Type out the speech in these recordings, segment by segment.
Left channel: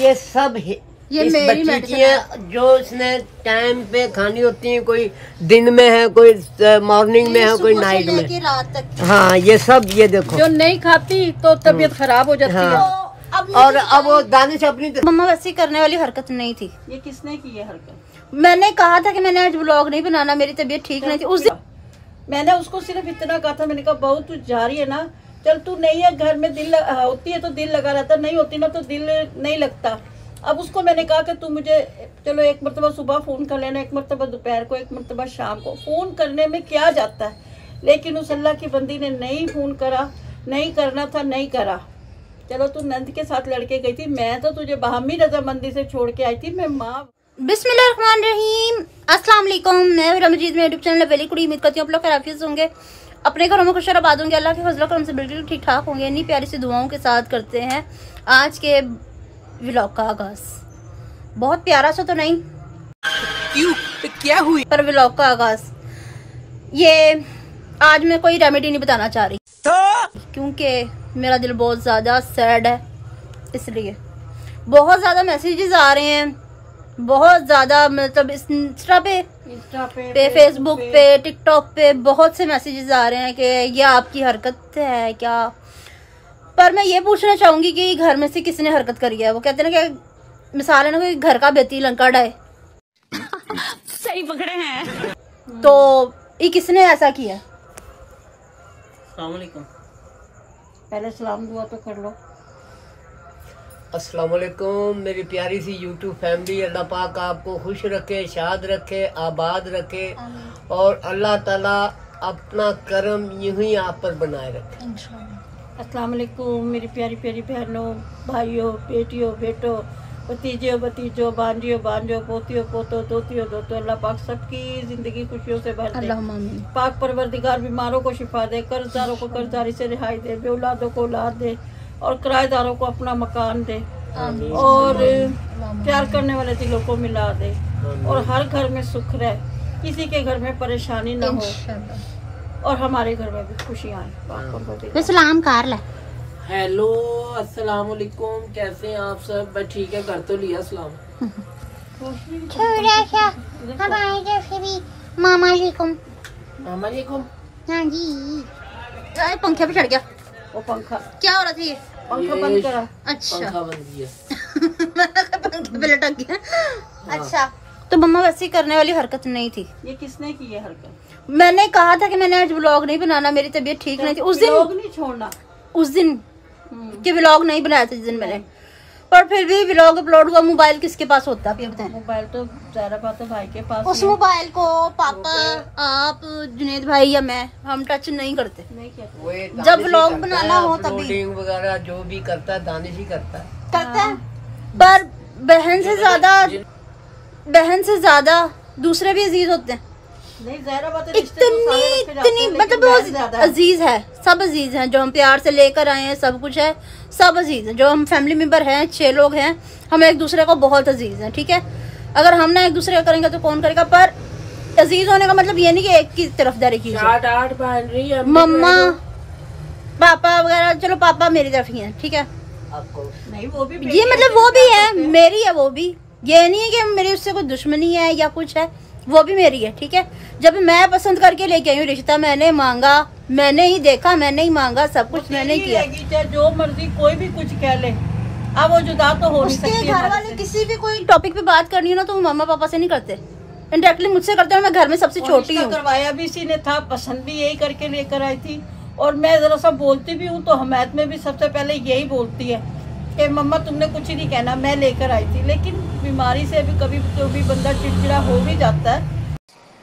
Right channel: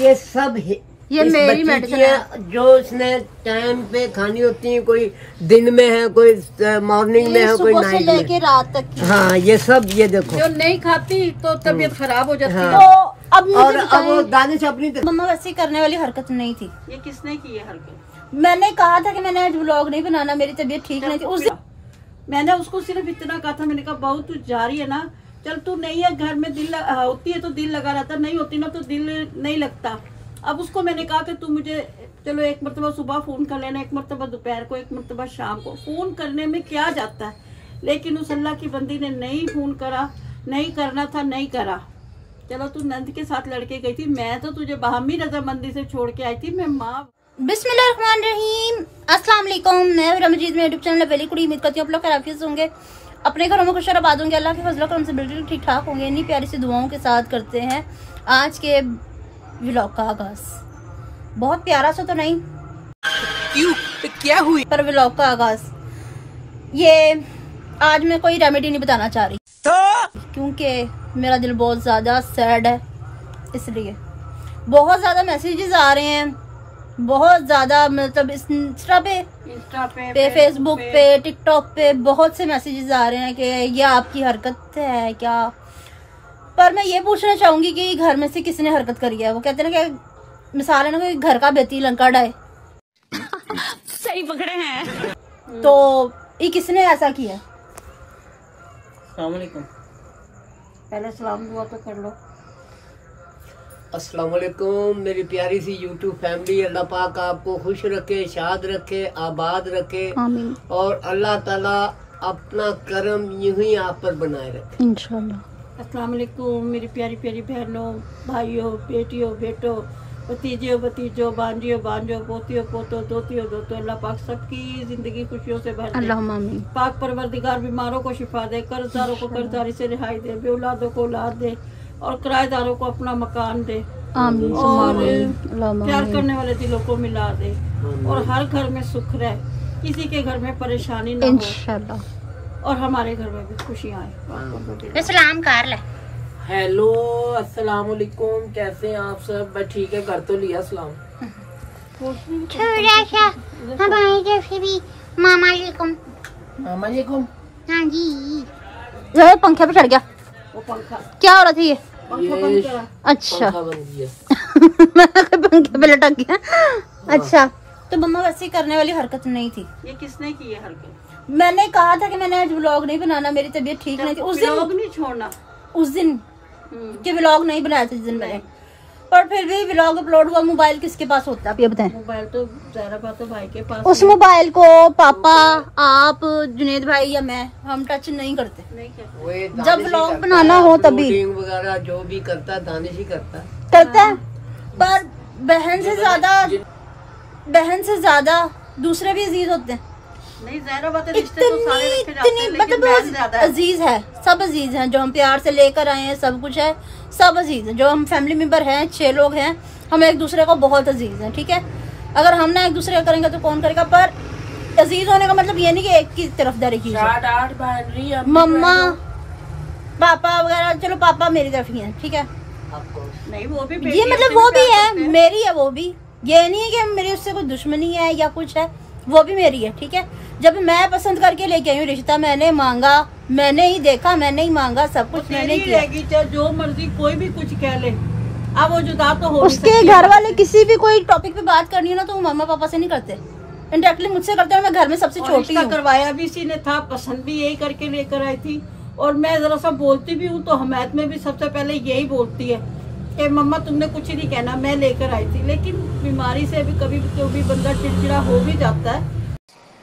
ये सब ये मेरी मेडिसिन जो इसने टाइम पे खानी होती है, कोई दिन में है, कोई मॉर्निंग में है, कोई नाइट में, लेके रात तक। हाँ ये सब, ये देखो जो नहीं खाती तो तबीयत खराब हो जाती है। हाँ। और अब वो दानिश अपनी मम्मा वैसे करने वाली हरकत नहीं थी। ये किसने की है हरकत? मैंने कहा था कि मैंने आज व्लॉग नहीं बनाना, मेरी तबीयत ठीक नहीं थी उस दिन। मैंने उसको सिर्फ इतना कहा था, मैंने कहा बहू तू जा रही है ना, चल तू नहीं है घर में, दिल होती है तो दिल लगा रहता, नहीं होती ना तो दिल नहीं लगता। अब उसको मैंने कहा कि तू मुझे चलो एक मरतबा सुबह फोन कर लेना, एक मरतबा दोपहर को, एक मरतबा शाम को, फोन करने में क्या जाता है। लेकिन उस अल्लाह की बंदी ने नहीं फोन करा, नहीं करना था, नहीं करा। चलो तू नंद के साथ लड़के गई थी, मैं तो तुझे बाहमी रजामंदी से छोड़ के आई थी। मैं माँ बिस्मिल्लाहिर्रहमानिर्रहीम, अस्सलाम वालेकुम। मैं रमजीत में यूट्यूब चैनल पहली कुड़ी उम्मीद करती हूँ आप लोग खैरियत होंगे, अपने घरों में खुश और आबाद होंगे, अल्लाह के फजल करम से बिल्कुल ठीक ठाक होंगे। इन्हीं प्यारी सी दुआओं के साथ करते हैं आज के व्लॉग का आगाज। बहुत प्यारा सा तो नहीं, क्यों क्या हुई, पर व्लॉग का आगाज ये आज मैं कोई रेमेडी नहीं बताना चाह रही तो? क्योंकि मेरा दिल बहुत ज्यादा सैड है, इसलिए बहुत ज्यादा मैसेजेस आ रहे हैं, बहुत ज्यादा, मतलब इंस्टा पे फेसबुक पे टिकटॉक पे बहुत से मैसेजेस आ रहे हैं कि ये आपकी हरकत है क्या। पर मैं ये पूछना चाहूंगी कि घर में से किसने हरकत करी है। वो कहते हैं ना कि मिसाल है ना, कोई घर का बेती लंका डाए सही पकड़े हैं, तो ये किसने ऐसा किया। अस्सलाम वालेकुम, पहले सलाम दुआ तो कर लो। अस्सलाम वालेकुम मेरी प्यारी सी यूट्यूब फैमिली, अल्लाह पाक आपको खुश रखे, शाद रखे, आबाद रखे, और अल्लाह ताला अपना करम यूं ही आप पर बनाए रखे इंशाल्लाह। अस्सलाम वालेकुम मेरी प्यारी प्यारी बहनों, भाइयों, बेटियों, बेटों, भतीजियों, भतीजों, बांजियों, बांजो, पोतियों, पोतों, दोतियों, दोतों, अल्लाह पाक सबकी जिंदगी खुशियों से भर दे। आमीन। पाक परवरदिगार बीमारों को शिफा दे, कर्जदारों को कर्जदारी से रिहाई दे, बेऔलादों को औलाद दे, और किराएदारों को अपना मकान दे, आमीन। और प्यार करने वाले दिलों को मिला दे, और हर घर में सुख रहे, किसी के घर में परेशानी न हो, और हमारे घर में भी खुशियाँ आए। सलाम कर ले। हेलो अस्सलाम वालेकुम, कैसे हैं आप सब? मैं ठीक है, कर तो लिया सलाम। थोड़ा सा हमारी तरफ से भी मामा जी को। मामा जी को? हाँ जी। पंखे पे चढ़ गया वो पंखा, क्या हो रहा था ये? पंखा बंद करा। अच्छा पंखा बंद किया। पंखे पे लटक गया। अच्छा, तो मम्मा वैसे करने वाली हरकत नहीं थी। ये किसने की है हरकत? मैंने कहा था कि मैंने आज व्लॉग नहीं बनाना, मेरी तबीयत ठीक नहीं थी उस दिन। व्लॉग नहीं छोड़ना, उस दिन के व्लॉग नहीं बनाया था जिस दिन मैंने, पर फिर भी व्लॉग अपलोड हुआ। मोबाइल किसके पास होता है आप ये बताएं? मोबाइल तो ज़ाहिर बात है भाई के पास। उस मोबाइल को पापा, आप, जुनेद भाई या मैं, हम टच नहीं करते। जब व्लॉग बनाना हो तभी वगैरह जो भी करता है दानिश ही करता है। पर बहन से ज्यादा दूसरे भी अजीज होते हैं। नहीं ज़ाहिर बात है, रिश्ते तो सारे रखे जाते हैं, मतलब अजीज है, सब अजीज हैं, जो हम प्यार से लेकर आए हैं, सब कुछ है, सब अजीज है। जो हम फैमिली मेंबर हैं, 6 लोग हैं, हम एक दूसरे को बहुत अजीज हैं, ठीक है। अगर हम ना एक दूसरे का करेंगे तो कौन करेगा। पर अजीज होने का मतलब ये नहीं कि एक की तरफदारी की जाए। मम्मा पापा वगैरह, चलो पापा मेरी तरफ ही है, ठीक है। नहीं वो भी ये मतलब वो भी है, मेरी है वो भी, ये नहीं है कि मेरी उससे कोई दुश्मनी है या कुछ है, वो भी मेरी है, ठीक है। जब मैं पसंद करके लेके आई हूँ रिश्ता, मैंने मांगा, मैंने ही देखा, मैंने ही मांगा, सब कुछ मैंने किया। चाहे जो मर्जी कोई भी कुछ कह ले, अब वो जुदा तो हो नहीं सकती। उसके घर वाले किसी भी कोई टॉपिक पे बात करनी हो ना, तो वो मम्मा पापा से नहीं करते, इंडायरेक्टली मुझसे करते हैं। मैं घर में सबसे छोटी हूँ। करवाया भी इसी ने था, पसंद भी यही करके लेकर आई थी, और मैं जरा सा बोलती भी हूँ तो हमायत में भी सबसे पहले यही बोलती है कि मम्मा तुमने कुछ ही नहीं कहना, मैं लेकर आई थी। लेकिन बीमारी से भी कभी बंदा चिड़चिड़ा हो भी जाता है,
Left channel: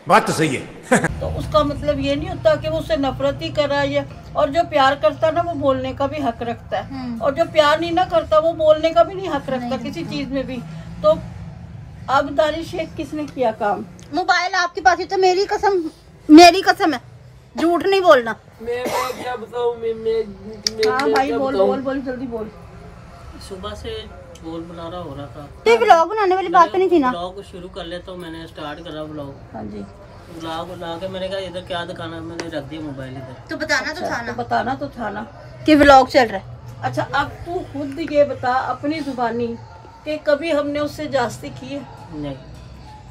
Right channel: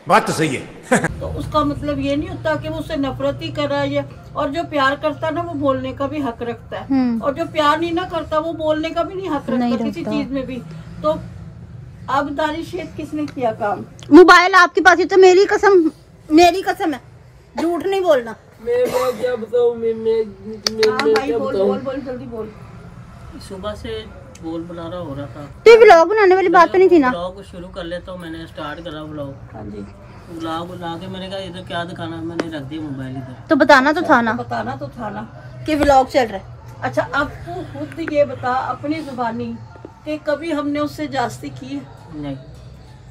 बात तो सही है। तो उसका मतलब ये नहीं होता कि वो उससे नफरत ही कर रहा है। और जो प्यार करता है ना, वो बोलने का भी हक रखता है, और जो प्यार नहीं ना करता, वो बोलने का भी नहीं हक रखता किसी चीज में भी। तो अब दानिश शेख किसने किया काम? मोबाइल आपके पास ही तो मेरी कसम है, झूठ नहीं बोलना। मैं क्या बताऊं, भाई बोल जल्दी बोल। सुबह से बोल बना रहा हो रहा था, तो व्लॉग बनाने वाली बात तो नहीं थी ना। व्लॉग शुरू कर ले, तो मैंने स्टार्ट करा व्लॉग। हाँ जी, व्लॉग बना के मैंने कहा इधर क्या दिखाना, मैंने रख दिया मोबाइल इधर। तो बताना तो था ना, बताना तो था ना कि व्लॉग चल रहा है। अच्छा, अब तू खुद ये बता अपनी जुबानी कि कभी हमने उससे जास्ती की है? नहीं।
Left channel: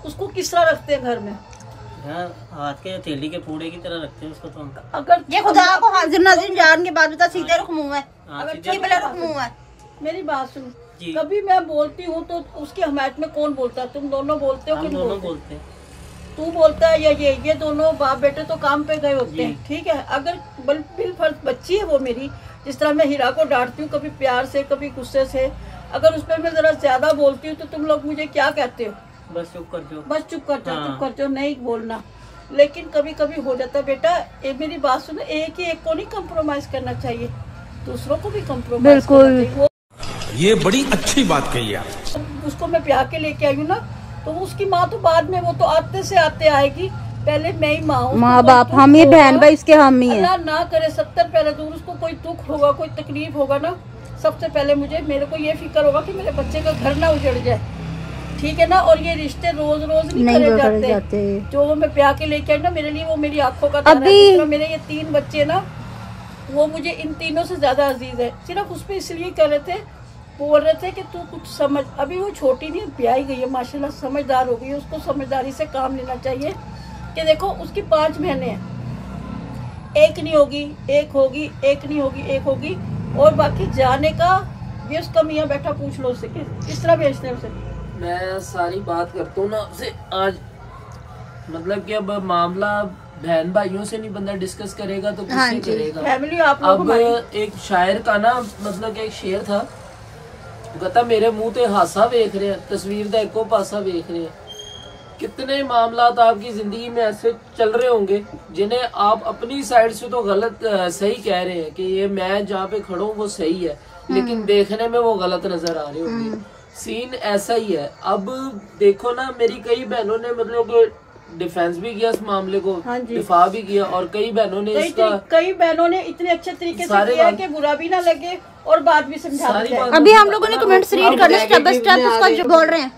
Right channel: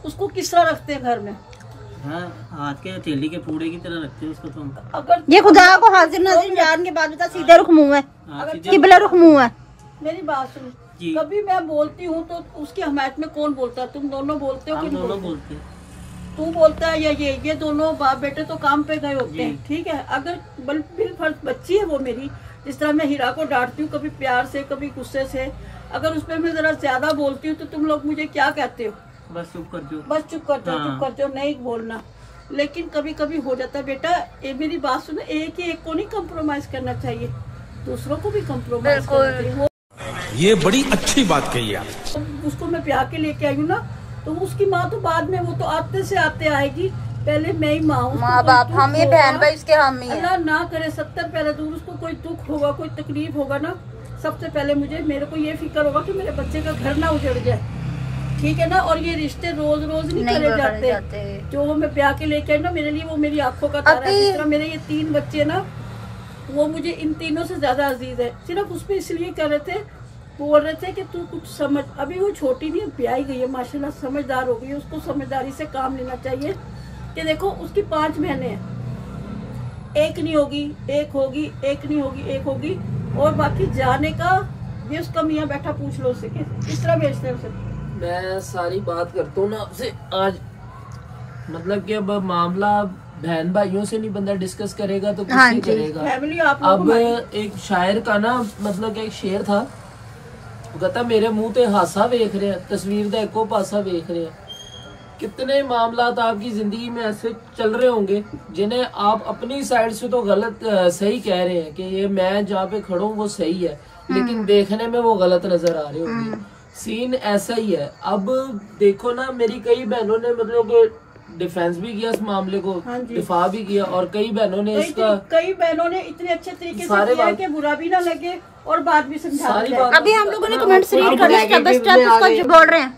उसको किस तरह रखते हैं घर में? हाथ के हथेली के पूड़े की तरह रखते हैं उसको। तो हम अगर ये खुदा को हाजिर नाज़िर जान के बाद बता, सीधे रुख मुंह है, किबला रुख मुंह है। मेरी बात सुन, जी। कभी मैं बोलती हूँ तो उसकी हमायत में कौन बोलता है? तुम दोनों बोलते हो कि नहीं दोनों बोलते? बोलते हैं। तू बोलता है या ये दोनों बाप बेटे तो काम पे गए होते हैं, ठीक है। अगर बिलफर्ज बच्ची है वो मेरी, जिस तरह मैं हीरा को डांटती हूँ, कभी प्यार से कभी गुस्से से, अगर उस पर मैं जरा ज्यादा बोलती हूँ तो तुम लोग मुझे क्या कहते हो? बस चुप कर दो। बस चुप कर जाओ, हाँ। चुप कर जाओ, नहीं बोलना। लेकिन कभी कभी हो जाता है बेटा, ये मेरी बात सुनो, एक ही एक को नहीं कम्प्रोमाइज करना चाहिए, दूसरों को भी कम्प्रोमाइज करना चाहिए। वो ये बड़ी अच्छी बात कही आप। उसको मैं ब्याह के लेके आई हूँ ना, तो उसकी माँ तो बाद में, वो तो आते से आते आएगी, पहले मैं ही माँ हूँ। माँ बाप हम ही, बहन भाई इसके हम ही हैं। अल्लाह ना करे 70 पहले दूर, उसको कोई दुख होगा, कोई तकलीफ होगा ना, सबसे पहले मेरे को ये फिक्र होगा कि मेरे बच्चे का घर ना उजड़ जाए, ठीक है ना। और ये रिश्ते रोज रोज नहीं करे जाते। जो मैं ब्याह के लेके आई ना, मेरे लिए वो मेरी आंखों का तारा है। जिस तरह मेरे ये 3 बच्चे ना, वो मुझे इन तीनों से ज्यादा अजीज है। सिर्फ उस पर इसलिए कर रहे थे, बोल रहे थे कि तू कुछ समझ, अभी वो छोटी नहीं, ब्याही गई है माशाल्लाह, समझदार हो गई है, उसको समझदारी से काम लेना चाहिए। कि देखो उसकी 5 बहनें हैं, एक नहीं होगी एक होगी, एक नहीं होगी एक होगी, और बाकी जाने का ये उसका मियाँ बैठा, पूछ लो उससे किस तरह भेजते हैं उसे। मैं सारी बात करता हूँ ना आपसे आज, मतलब कि अब मामला बहन भाइयों से नहीं बंदा डिस्कस करेगा तो किससे करेगा? फैमिली आप अब एक शायर का ना, मतलब कि एक शेर था, कहता मेरे मुंह ते हासा वेख रहे हैं, तस्वीर दा एको पासा वेख रहे हैं। कितने मामलात आपकी जिंदगी में ऐसे चल रहे होंगे जिन्हें आप अपनी साइड से तो गलत सही कह रहे हैं कि ये मैं जहाँ पे खड़ा हूँ वो सही है, लेकिन देखने में वो गलत नजर आ रहे होंगे। सीन ऐसा ही है। अब देखो ना, मेरी कई बहनों ने मतलब डिफेंस भी किया इस मामले को, दिफा भी किया, और कई बहनों ने कई बहनों ने इतने अच्छे तरीके से किया कि बुरा भी ना लगे और बात भी समझा दी। अभी हम लोगों ने कमेंट्स रीड करने, स्टेप बाय स्टेप उसका जो बोल रहे हैं।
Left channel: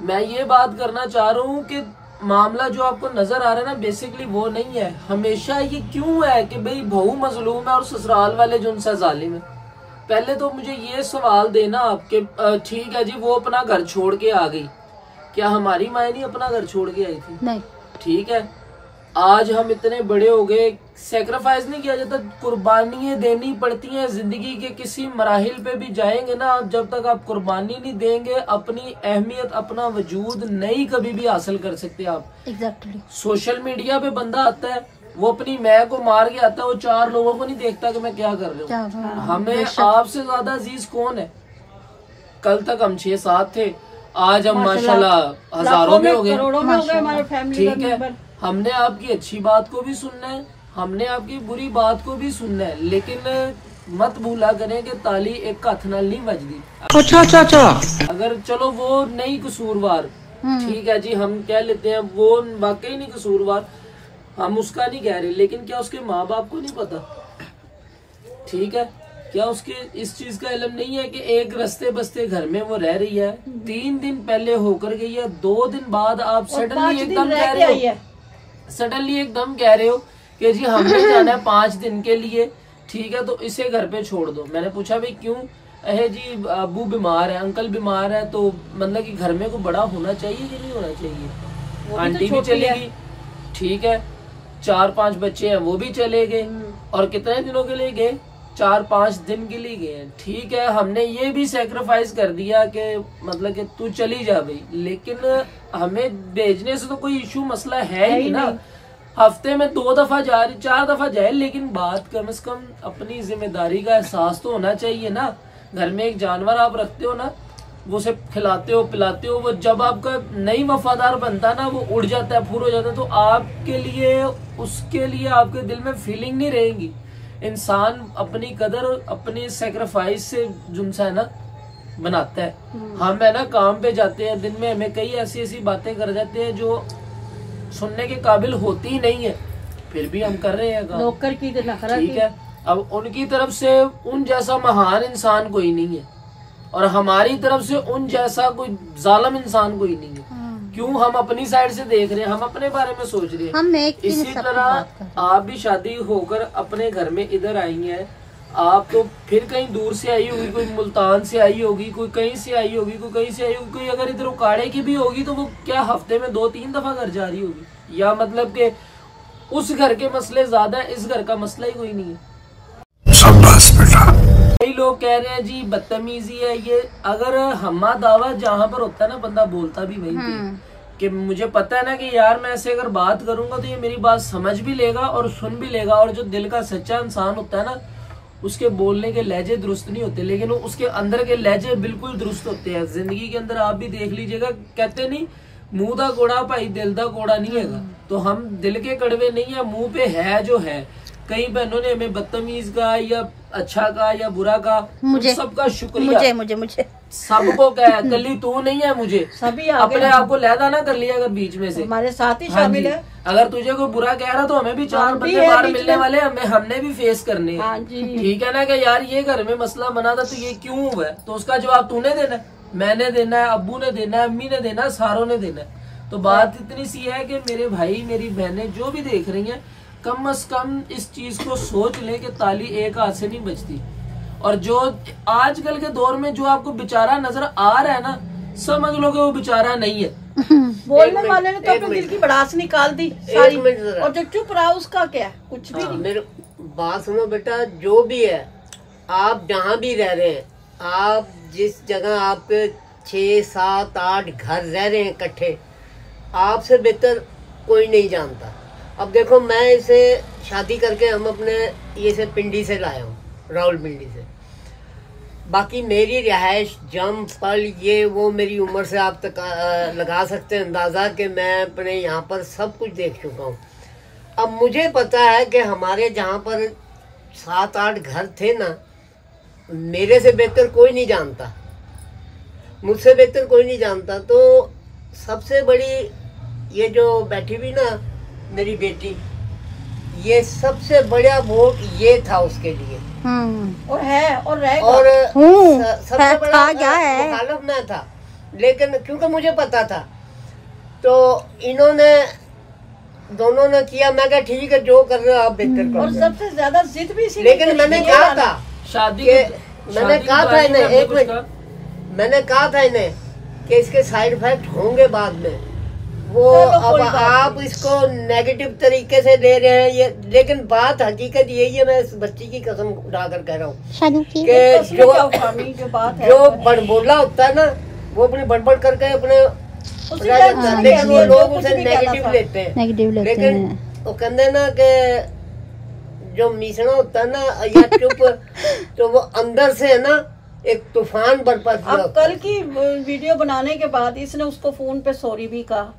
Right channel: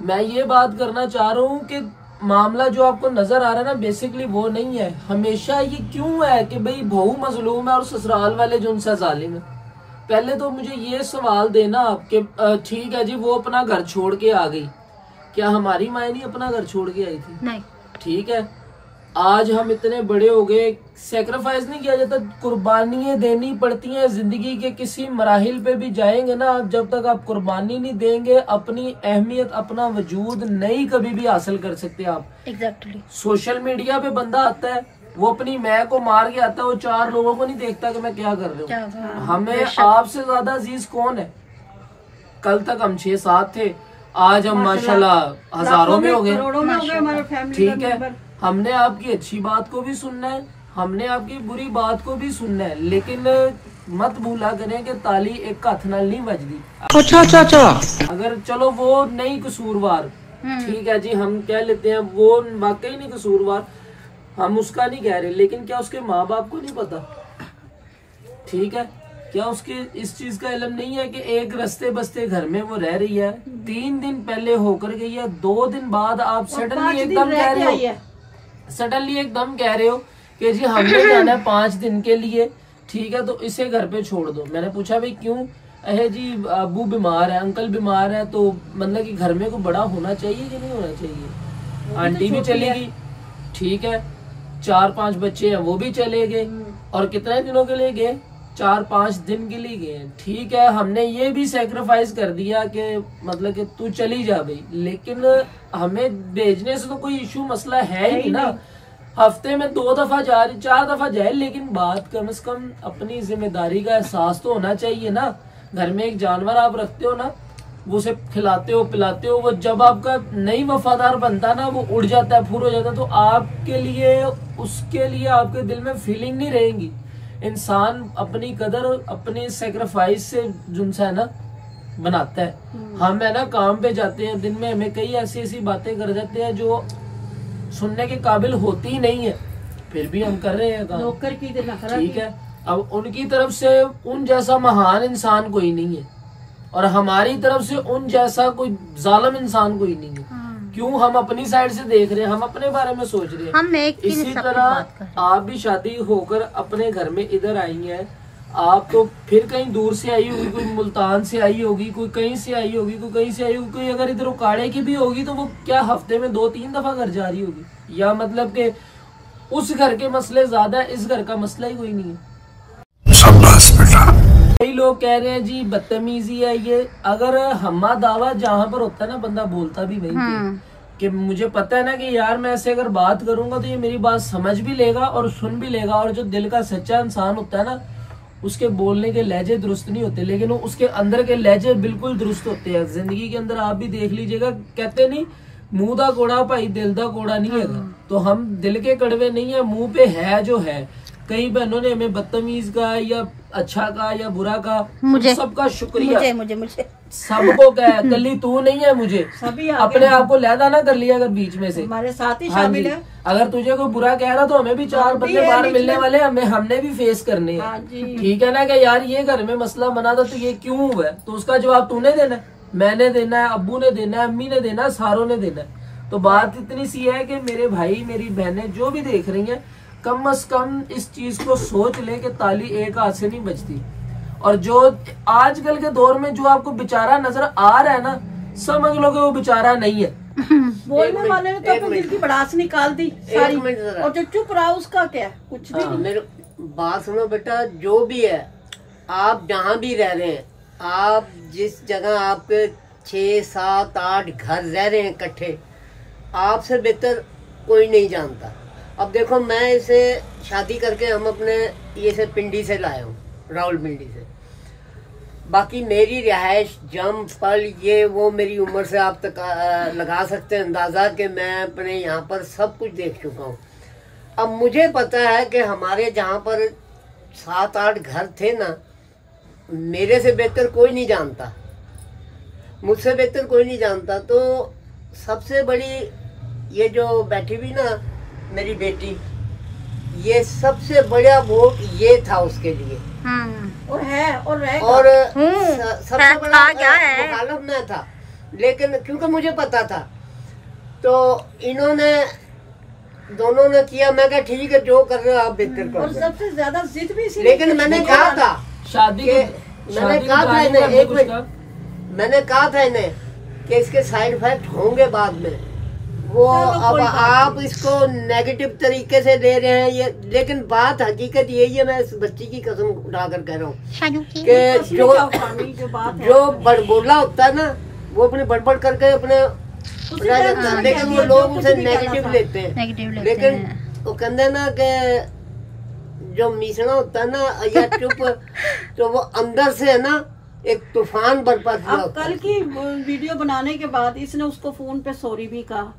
मैं ये बात करना चाह रहा हूँ कि मामला जो आपको नजर आ रहा है ना, बेसिकली वो नहीं है। हमेशा ये क्यों है कि भाई बहू मजलूम है और ससुराल वाले जो उनसे जालिम है? पहले तो मुझे ये सवाल देना आपके, ठीक है जी वो अपना घर छोड़ के आ गई, क्या हमारी माँ नहीं अपना घर छोड़ के आई थी? नहीं। ठीक है, आज हम इतने बड़े हो गए, सेक्रीफाइस नहीं किया जाता, कुर्बानियां देनी पड़ती हैं। जिंदगी के किसी मराहिल पे भी जाएंगे ना, जब तक आप कुर्बानी नहीं देंगे, अपनी अहमियत, अपना वजूद नहीं कभी भी हासिल कर सकते आप। एग्जैक्टली। सोशल मीडिया पे बंदा आता है, वो अपनी मैं को मार के आता है, वो 4 लोगों को नहीं देखता कि मैं क्या कर रहा हूँ। हमें आपसे ज्यादा अजीज कौन है? कल तक हम 6-7 थे, आज हम माशाल्लाह हजारों में हो गए। ठीक है, हमने आपकी अच्छी बात को भी सुनना है, हमने आपकी बुरी बात को भी सुनना है, लेकिन मत भूला करें कि ताली एक हथ नाल नहीं बजदी। अच्छा। अगर चलो वो नहीं कसूरवार, ठीक है जी, हम कह लेते हैं वो वाकई नहीं कसूरवार, हम उसका नहीं कह रहे, लेकिन क्या उसके माँ बाप को नहीं पता? ठीक है, क्या उसके इस चीज का इल्म नहीं है कि एक रस्ते बस्ते घर में वो रह रही है, 3 दिन पहले होकर गई है, 2 दिन बाद आप सडनली एकदम कह रहे हो, सडनली एकदम कह रहे हो कि जी हमने जाना है 5 दिन के लिए, ठीक है, तो इसे घर पे छोड़ दो। मैंने पूछा भाई क्यों? अहे जी अबू बीमार है, अंकल बीमार है, तो मतलब कि घर में को बड़ा होना चाहिए कि नहीं होना चाहिए? आंटी भी चलेगी, ठीक है, 4-5 बच्चे हैं वो भी चले गए, और कितने दिनों के लिए गए? 4-5 दिन के लिए गए। ठीक है, हमने ये भी सेक्रीफाइस कर दिया कि मतलब कि तू चली जा भाई, लेकिन हमें भेजने से तो कोई इशू मसला है ही ना। हफ्ते में 2 दफा जा रही, 4 दफा जाए, लेकिन बात कम से कम अपनी जिम्मेदारी का एहसास तो होना चाहिए ना। घर में एक जानवर आप रखते हो ना, वो उसे खिलाते हो पिलाते हो, वो जब आपका नहीं वफादार बनता ना, वो उड़ जाता है, फूर हो जाता है, तो आपके लिए उसके लिए आपके दिल में फीलिंग नहीं रहेगी। इंसान अपनी कदर अपनी सेक्रीफाइस से जुनसा है ना बनाता है। हम है ना काम पे जाते हैं, दिन में हमें कई ऐसी ऐसी बातें कर जाते हैं जो सुनने के काबिल होती ही नहीं है, फिर भी हम कर रहे हैं काम। ठीक है, अब उनकी तरफ से उन जैसा महान इंसान कोई नहीं है, और हमारी तरफ से उन जैसा कोई जालिम इंसान कोई नहीं है। क्यों? हम अपनी साइड से देख रहे हैं, हम अपने बारे में सोच रहे हैं। इसी तरह आप भी शादी होकर अपने घर में इधर आई हैं, आप तो फिर कहीं दूर से आई होगी, कोई मुल्तान से आई होगी, कोई कहीं से आई होगी, कोई कहीं से आई होगी, कोई अगर इधर उकाड़े की भी होगी तो वो क्या हफ्ते में 2-3 दफा घर जा रही होगी, या मतलब के उस घर के मसले ज्यादा है, इस घर का मसला ही कोई नहीं है। शाबाश बेटा। कई लोग कह रहे हैं जी बदतमीजी है ये, अगर हम्मा दावा जहाँ पर होता है ना बंदा बोलता भी वही कि मुझे पता है ना कि यार मैं ऐसे अगर बात करूंगा तो ये मेरी बात समझ भी लेगा और सुन भी लेगा, और जो दिल का सच्चा इंसान होता है ना उसके बोलने के लहजे दुरुस्त नहीं होते, लेकिन उसके अंदर के लहजे बिल्कुल दुरुस्त होते हैं। जिंदगी के अंदर आप भी देख लीजिएगा, कहते नहीं मुंह दा कोड़ा भाई दिल दा कोड़ा नहीं है, तो हम दिल के कड़वे नहीं है, मुंह पे है जो है। कई बहनों ने हमें बदतमीज कहा या अच्छा कहा या बुरा कहा, मुझे सबका शुक्रिया, मुझे सबको कहा, कली तू नहीं है, मुझे सभी अपने आप को लहदा ना कर लिया अगर बीच में से हमारे साथ ही शामिल है। अगर तुझे कोई बुरा कह रहा तो हमें भी 4 बंदे बाहर मिलने वाले, हमने भी फेस करने हैं, ठीक है ना, कि यार ये घर में मसला बना था तो ये क्यों हुआ है, तो उसका जवाब तूने देना है, मैंने देना है, अब्बू ने देना है, अम्मी ने देना है, सारों ने देना है। तो बात इतनी सी है कि मेरे भाई मेरी बहनें जो भी देख रही हैं, कम से कम इस चीज को सोच ले कि ताली एक हाथ से नहीं बजती, और जो आजकल के दौर में जो आपको बेचारा नजर आ रहा है ना, समझ लो कि वो बेचारा नहीं है। बोलने वाले ने तो अपने दिल की भड़ास निकाल दी सारी, और जो चुप रहा उसका क्या, कुछ भी नहीं। मेरे बात सुनो बेटा, जो भी है आप जहाँ भी रह रहे हैं, आप जिस जगह आपके 6, 7, 8 घर रह रहे हैं इकट्ठे, आपसे बेहतर कोई नहीं जानता। अब देखो मैं इसे शादी करके हम अपने ये से पिंडी से लाया हूँ, रावलपिंडी से, बाकी मेरी रिहाइश जम पल ये वो मेरी उम्र से आप तक लगा सकते हैं अंदाजा कि मैं अपने यहाँ पर सब कुछ देख चुका हूँ। अब मुझे पता है कि हमारे जहाँ पर 7-8 घर थे ना, मेरे से बेहतर कोई नहीं जानता, मुझसे बेहतर कोई नहीं जानता। तो सबसे बड़ी ये जो बैठी हुई ना मेरी बेटी, ये सबसे बड़ा वोट ये था उसके लिए, और है और रहेगा, और सबसे बड़ा मुखालिफ मैं था, लेकिन क्योंकि मुझे पता था तो इन्होंने दोनों ने किया। मैं कहा ठीक है जो कर रहे हो आप बेहतर करो, और सबसे ज्यादा जिद भी इसी, लेकिन मैंने कहा था शादी मैंने कहा था इन्हें, एक मिनट, मैंने कहा था इन्हें कि इसके साइड इफेक्ट होंगे बाद में, वो अब आप इसको नेगेटिव तरीके से ले रहे हैं ये, लेकिन बात हकीकत यही है, मैं इस बच्ची की कसम उठाकर कह रहा हूँ कि जो बड़बोला होता है ना वो अपनी बड़बड़ करके अपने, लेकिन वो लोग उसे नेगेटिव लेते हैं, लेकिन वो कहते ना कि जो मीसना होता है ना या चुप तो वो अंदर से है ना एक तूफान बरपा। अब कल की वीडियो बनाने के बाद इसने उसको फोन पे सॉरी भी कहा,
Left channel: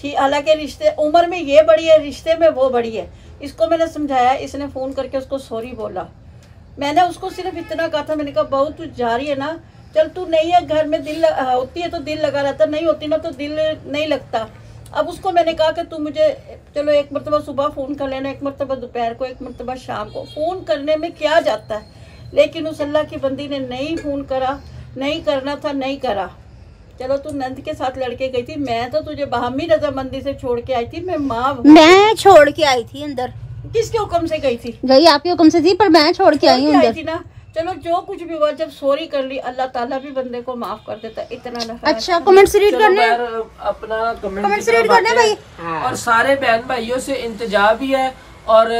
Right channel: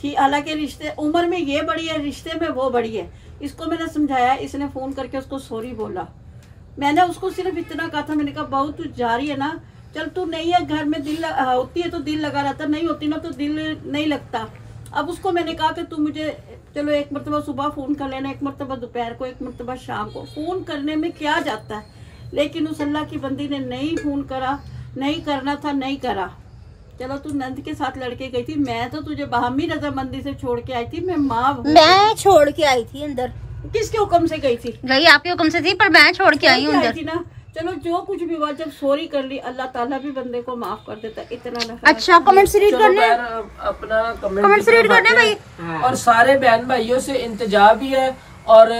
ठीक, हालांकि रिश्ते उम्र में ये बड़ी है, रिश्ते में वो बड़ी है। इसको मैंने समझाया, इसने फोन करके उसको सॉरी बोला। मैंने उसको सिर्फ इतना कहा था, मैंने कहा बहू तू जा रही है ना, चल तू नहीं है घर में, दिल होती है तो दिल लगा रहता, नहीं होती ना तो दिल नहीं लगता। अब उसको मैंने कहा कि तू मुझे चलो एक मरतबा सुबह फोन कर लेना, एक मरतबा दोपहर को, एक मरतबा शाम को, फोन करने में क्या जाता है। लेकिन उस अल्लाह की बंदी ने नहीं फोन करा, नहीं करना था नहीं करा। चलो तू नंद के साथ लड़के गई थी, मैं तो तुझे बाहमी रजामंदी से छोड़ के आई थी, मैं माँ मैं छोड़ के आई थी अंदर। किसके हुक्म से गई थी? गई आपके हुक्म से थी, पर मैं छोड़ के आई हूँ अंदर थी ना। चलो जो कुछ भी हुआ, जब सॉरी कर ली अल्लाह ताला भी बंदे को माफ कर देता, इतना ना। अच्छा कमेंट्स रीड करने, अपना कमेंट्स रीड करने भाई, और सारे बहन भाइयों से इंतजा भी है और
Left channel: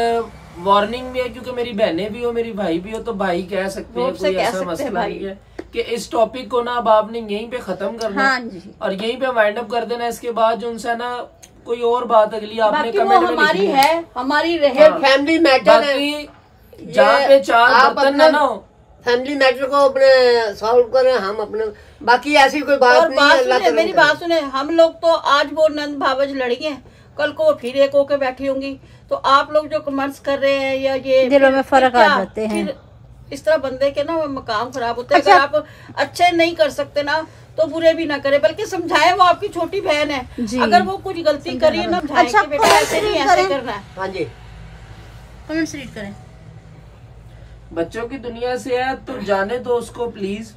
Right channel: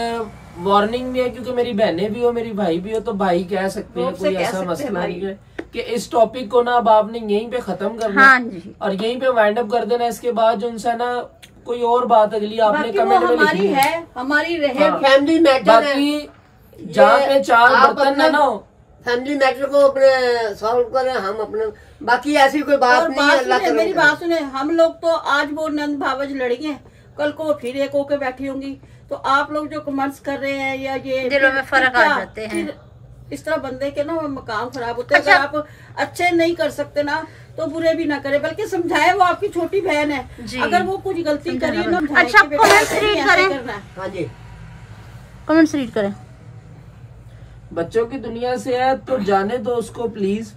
वार्निंग भी है, क्योंकि मेरी बहनें भी हो मेरी भाई भी हो, तो भाई कह सकते हैं, कोई ऐसा मसला नहीं है कि इस टॉपिक को ना अब आपने यहीं पे खत्म करना और यहीं पे वाइंड अप कर देना। इसके बाद जो उनसे ना कोई और बात अगली आपने कमेंट में लिखनी है, हमारी रहे फैमिली मैटर है, जहाँ पे 4 बर्तन ना हो, फैमिली मैटर को अपने सॉल्व करें हम अपने, बाकी ऐसी कोई बात नहीं है। अल्लाह सुने, मेरी बात सुने, हम लोग तो आज वो नंद भावज लड़ी है, कल को फिर एक होके बैठी होंगी, तो आप लोग जो कमेंट्स कर रहे हैं या ये दिलों में फर्क आ जाते हैं, फिर इस तरह बंदे के ना मकाम खराब होते हैं। अगर आप अच्छे नहीं कर सकते ना तो बुरे भी ना करे, बल्कि समझाए, वो आपकी छोटी बहन है, अगर वो कुछ गलती करी ना, अच्छा कमेंट्स रीड करें, हाँ जी कमेंट्स रीड करें। बच्चों की दुनिया से है तो जाने दो उसको प्लीज।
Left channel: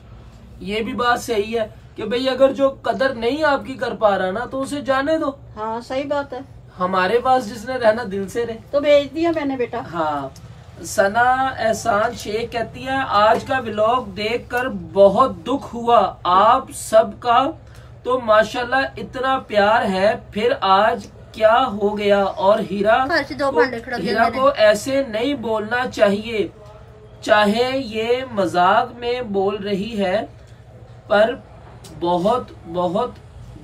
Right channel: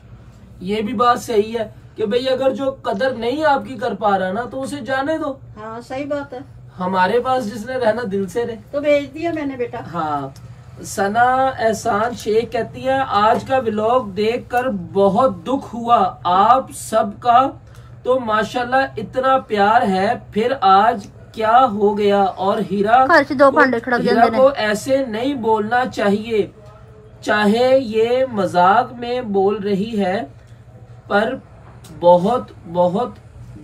ये भी बात सही है कि भाई अगर जो कदर नहीं आपकी कर पा रहा ना तो उसे जाने दो। हाँ सही बात है, हमारे पास जिसने रहना दिल से रहे, तो भेज दिया मैंने बेटा। हाँ सना एहसान शेख कहती है आज का व्लॉग देखकर बहुत दुख हुआ आप सबका, तो माशाल्लाह इतना प्यार है, फिर आज क्या हो गया। और हीरा को ऐसे नहीं बोलना चाहिए, चाहे ये मजाक में बोल रही है पर बहुत बहुत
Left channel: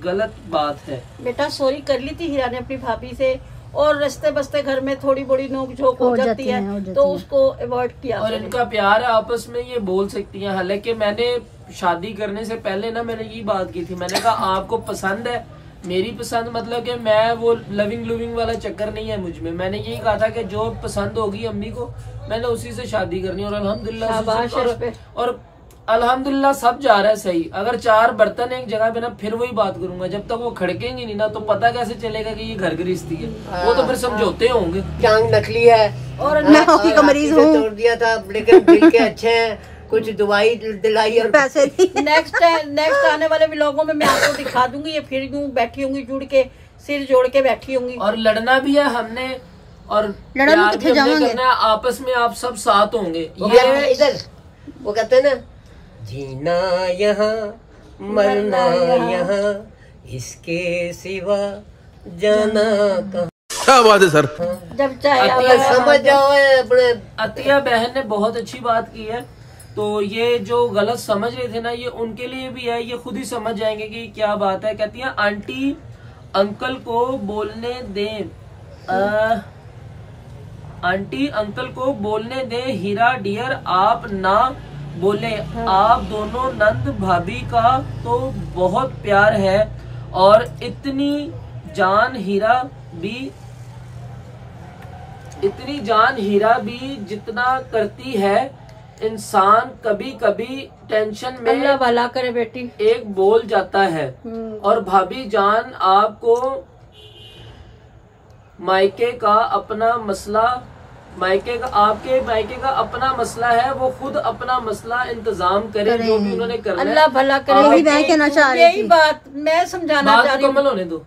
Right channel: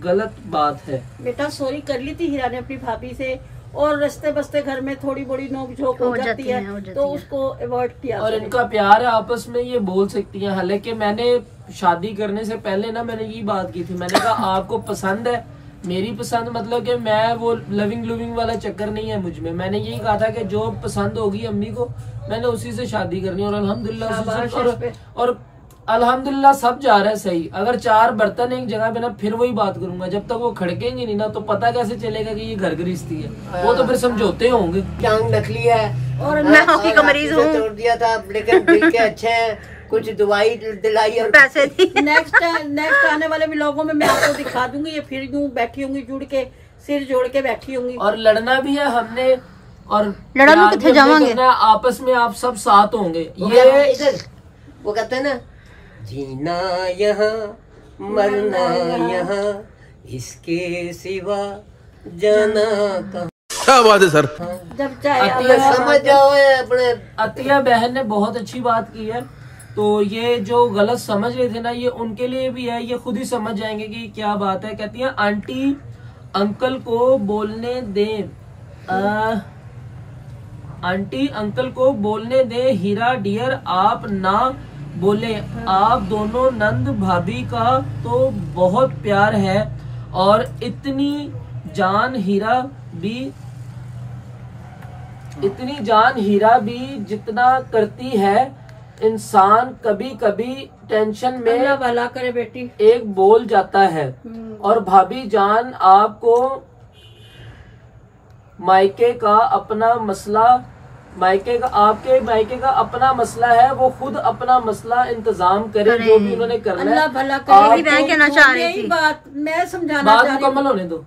गलत बात है। बेटा सॉरी कर ली थी हीरा ने अपनी भाभी से, और रस्ते बस्ते घर में थोड़ी बड़ी नोक झोंक हो जाती है तो उसको अवॉइड किया। और इनका प्यार है आपस में, ये बोल सकती हैं। हालांकि मैंने शादी करने से पहले ना मैंने ये बात की थी, मैंने कहा आपको पसंद है मेरी पसंद, मतलब कि मैं वो लविंग लुविंग वाला चक्कर नहीं है मुझ में। मैंने यही कहा था कि जो पसंद होगी अम्मी को मैंने उसी से शादी करनी। और अल्हम्दुलिल्लाह और अल्हम्दुलिल्लाह सब जा रहा है सही। अगर 4 बर्तन एक जगह पे ना फिर वही बात करूंगा, जब तक वो खड़केंगे नहीं ना तो पता कैसे चलेगा कि ये घर गृहस्थी है। वो तो फिर समझौते होंगे। क्या नकली है और मैं हॉकी का मरीज हूँ, तोड़ दिया था, लेकिन दिल के अच्छे हैं, कुछ दवाई दिलाई और पैसे नेक्स्ट आने वाले व्लॉगों में मैं आपको दिखा दूंगी। ये फिर यूं बैठी होंगी जुड़ के, सिर जोड़ के बैठी होंगी। और लड़ना भी है हमने, और लड़ना किथे जावांगे, आपस में आप सब साथ होंगे। ये इधर वो कहते हैं ना, जीना यहाँ मरना यहाँ, इसके सिवा जाना कहाँ। क्या बात है सर। जब चाहे अतिया समझ जाओ अपने। अतिया बहन ने बहुत अच्छी बात की है। तो ये जो गलत समझ रहे थे ना, ये उनके लिए भी है, ये खुद ही समझ जाएंगे कि क्या बात है। कहती है आंटी अंकल को बोलने दें, आंटी अंकल को बोलने दे, हीरा डियर आप ना बोले, आप दोनों नंद भाभी का तो बहुत प्यार है, और इतनी जान हीरा भी जितना करती है इंसान, कभी कभी टेंशन में भला करे बेटी एक बोल जाता है। और भाभी जान आपको मायके का अपना मसला, आपके मायके का अपना मसला है, वो खुद अपना मसला इंतजाम करे, जो भी उन्होंने करना है। अल्लाह भला करे। मैं कहना चाह रही थी, बात मैं समझाना चाह रही हूँ। मुकम्मल होने दो।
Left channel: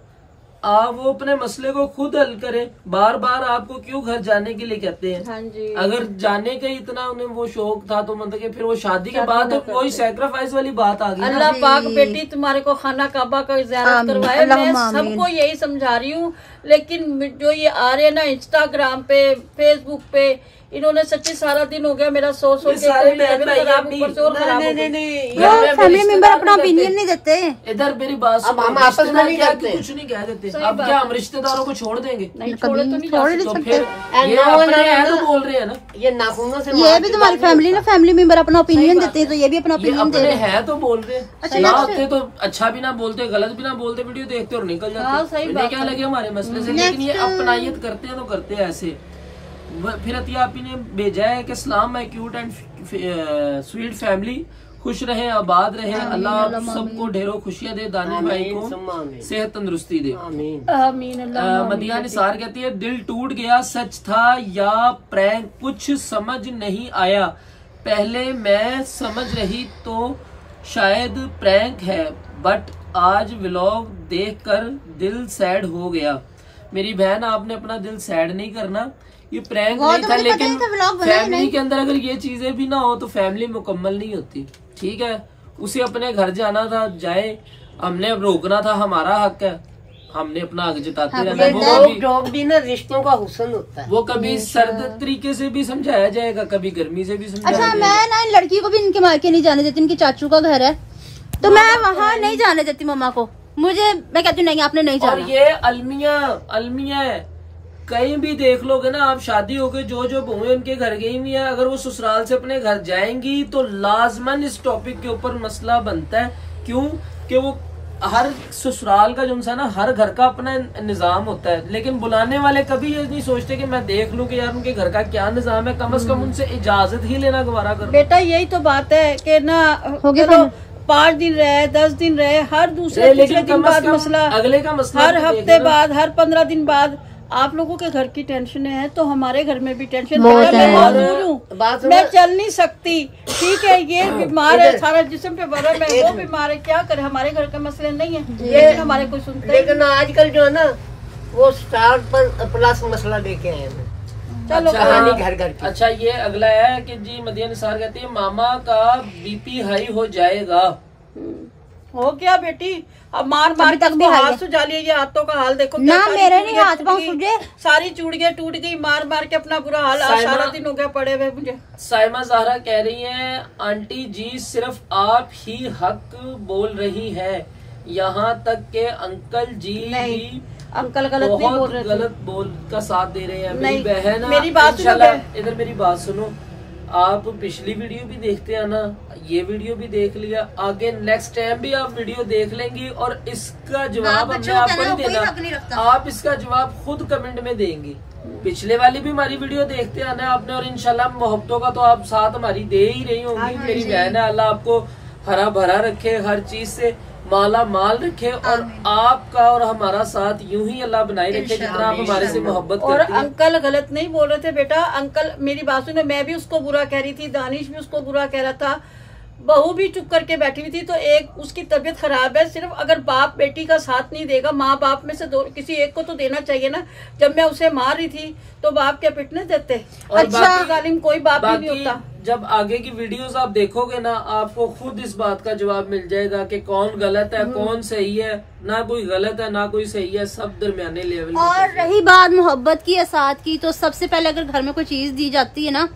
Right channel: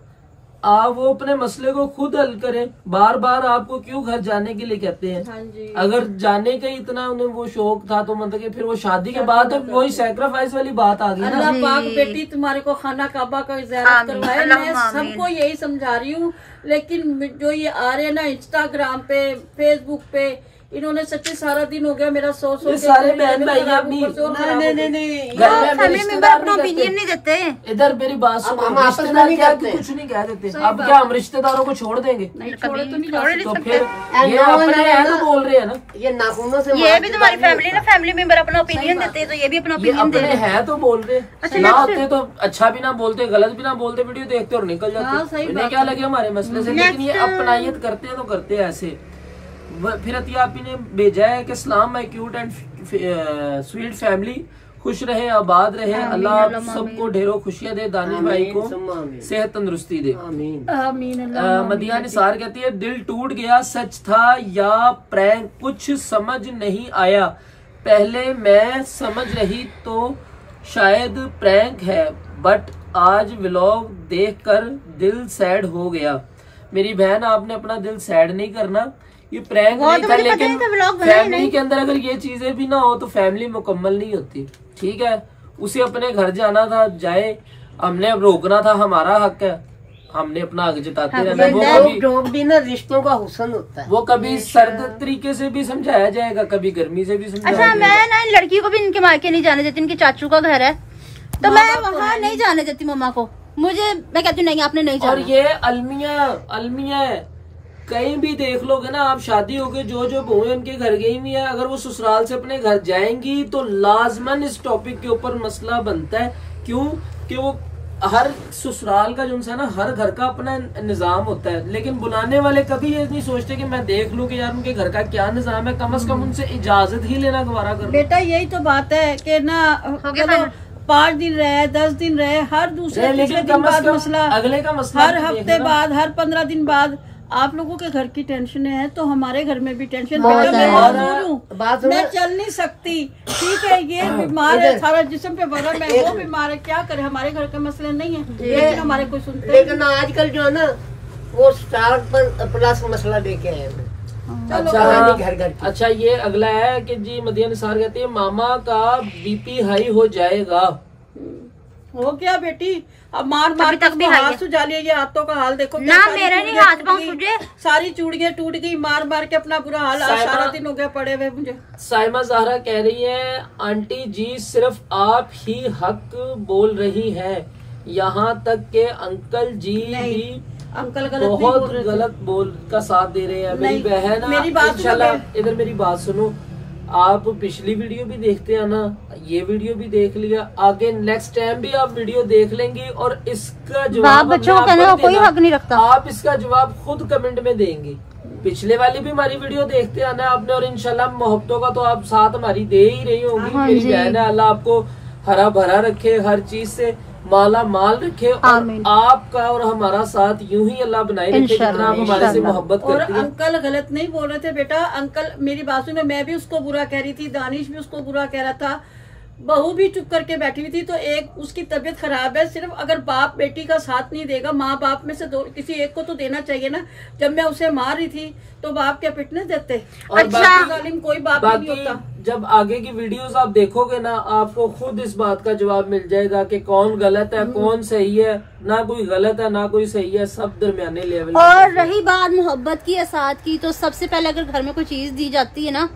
आप वो अपने मसले को खुद हल करें, बार बार आपको क्यों घर जाने के लिए कहते हैं। हाँ जी। अगर जाने का इतना उन्हें वो शौक था तो मतलब कि फिर वो शादी के बाद तो वही सैक्रिफाइस वाली बात आ गई ना। अल्लाह पाक बेटी तुम्हारे को खाना काबा का ज़ियारत करवाए। मैं सबको यही समझा रही हूँ, लेकिन जो ये आ रहे हैं ना इंस्टाग्राम पे, फेसबुक पे, इन्होंने सच्ची सारा दिन हो गया मेरा सोच के अपना ओपिनियन नहीं देते। इधर मेरी बात सुनो, रिश्तेदार क्या कुछ नहीं कह देते। अब क्या हम रिश्तेदारों को छोड़ देंगे? तो फिर ये अपने हैं तो बोल रहे हैं ना, ये नाखूनों से ये भी तुम्हारी फैमिली ना, फैमिली मेंबर अपना ओपिनियन देते हैं तो ये भी अपना ओपिनियन दे रहे हैं तो बोल रहे ना होते तो अच्छा भी ना बोलते, गलत भी ना बोलते, वीडियो देखते और निकल जाते। इन्हें क्या लगे हमारे मसले से, लेकिन ये अपनायत करते हैं तो करते हैं ऐसे। फिर अतिया आपी ने भेजा है कि सलाम my cute and sweet family, खुश रहे आबाद रहे, अल्लाह सबको ढेरों खुशियां दे, दानिश भाई को सेहत तंदुरुस्ती दे, आमीन। मदिया निसार कहती है दिल टूट गया, सच था या प्रैंक कुछ समझ नहीं आया, पहले मैं समझ रही तो शायद प्रैंक है, बट आज व्लॉग देखकर दिल सैड हो गया। मेरी बहन आपने अपना दिल सैड नहीं करना, ये प्रैंक नहीं था, लेकिन फैमिली के अंदर अगर ये चीजें भी ना हो तो फैमिली मुकम्मल नहीं होती। ठीक है, उसे अपने घर जाना था जाए, हमने अब रोकना था, हमारा हक है, हमने अपना हक जताते रहना। वो भी ना रिश्तों का हुस्न होता है, वो कभी सर्द तरीके से भी समझाया जाएगा, कभी गर्मी से भी समझाया जाएगा। मैं ना इन लड़की को भी इनके मायके नहीं जाने देती, इनकी चाचू का घर है तो मैं वहाँ नहीं जाने देती मम्मा को, मैं कहती हूँ नहीं आपने नहीं जाना। और ये अलमिया कहीं भी देख लोगे ना आप, शादी हो गई, जो बहुएं उनके घर गई हुई है, अगर वो ससुराल से अपने घर जाएंगी तो लाजमन इस टॉपिक के ऊपर मसला बनता है। क्यों कि वो हर ससुराल का जो है ना, हर घर का अपना निजाम होता है, लेकिन बुलाने वाले कभी ये नहीं सोचते कि मैं देख लूं कि यार उनके घर का क्या निजाम है, कम से कम उनसे इजाजत ही लेना गवारा करो। बेटा यही तो बात है कि ना 5 दिन रहे, 10 दिन रहे, हर दूसरे तीसरे दिन बाद मसला, अगले का मसला, हर हफ्ते बाद, हर 15 दिन बाद आप लोगों के घर की टेंशन है तो हमारे घर में भी टेंशन। मैं माजूर हूँ, मैं चल नहीं सकती, ठीक है, ये बीमार है, सारा जिस्म पे बर्फ है, वो बीमार है, क्या करे, हमारे घर का मसले नहीं है, लेकिन हमारे कोई सुनते। लेकिन आजकल जो है ना वो स्टार पर प्लस मसला लेके आए हैं। चलो कहानी घर घर की। अच्छा ये अगला है कि जी मदिया निसार कहती है मामा का बीपी हाई हो जाएगा। हो गया बेटी, अब मार मार तक भी हाथ सुझा लिया। ये हाथों का हाल देखो ना, मेरे नहीं हाथ पांव सूजे, सारी चूड़ियां टूट गई, मार मार के अपना बुरा हाल। आज सारा दिन हो गया पड़े हुए मुझे। साइमा ज़हरा कह रही है आंटी जी सिर्फ आप ही हक बोल रही है, यहाँ तक के अंकल जी भी अंकल गलत नहीं बहुत बोल रहे थे। गलत बोल का साथ दे रहे हैं। मेरी नहीं, बहन मेरी बात इंशाल्लाह इधर मेरी बात सुनो, आप पिछली वीडियो भी देखते हैं ना, ये वीडियो भी देख लिया, आगे नेक्स्ट टाइम भी आप वीडियो देख लेंगी और इसका जवाब बच्चों का ना कोई हक नहीं रखता। आप इसका जवाब खुद कमेंट में देंगे। पिछले वाली भी हमारी वीडियो देखते आना आपने, और इंशाल्लाह मोहब्बतों का तो आप साथ हमारी दे ही रही होंगी। मेरी बहन है, अल्लाह आपको हरा भरा रखे, हर चीज से माला माल रखे, और आपका और हमारा साथ यूं ही अल्लाह बनाए रखे जितना आप हमारे से मोहब्बत और करती हैं। अंकल गलत नहीं बोल रहे थे बेटा। अंकल मेरी बात सुनो, मैं भी उसको बुरा कह रही थी, दानिश भी उसको बुरा कह रहा था, बहू भी चुप करके बैठी हुई थी। तो एक उसकी तबीयत खराब है, सिर्फ अगर बाप बेटी का साथ नहीं देगा, माँ बाप में से दो किसी एक को तो देना चाहिए ना। जब मैं उसे मार रही थी तो बाप क्या पिटने देते? और अच्छा जालिम कोई बाप नहीं होता। जब आगे की वीडियोस आप देखोगे ना, आपको खुद इस बात का जवाब मिल जाएगा कि कौन गलत है कौन सही है। ना कोई गलत है ना कोई सही है, सब दरमियाने लेवल। और रही बात मोहब्बत की या साथ की, तो सबसे पहले अगर घर में कोई चीज दी जाती है ना,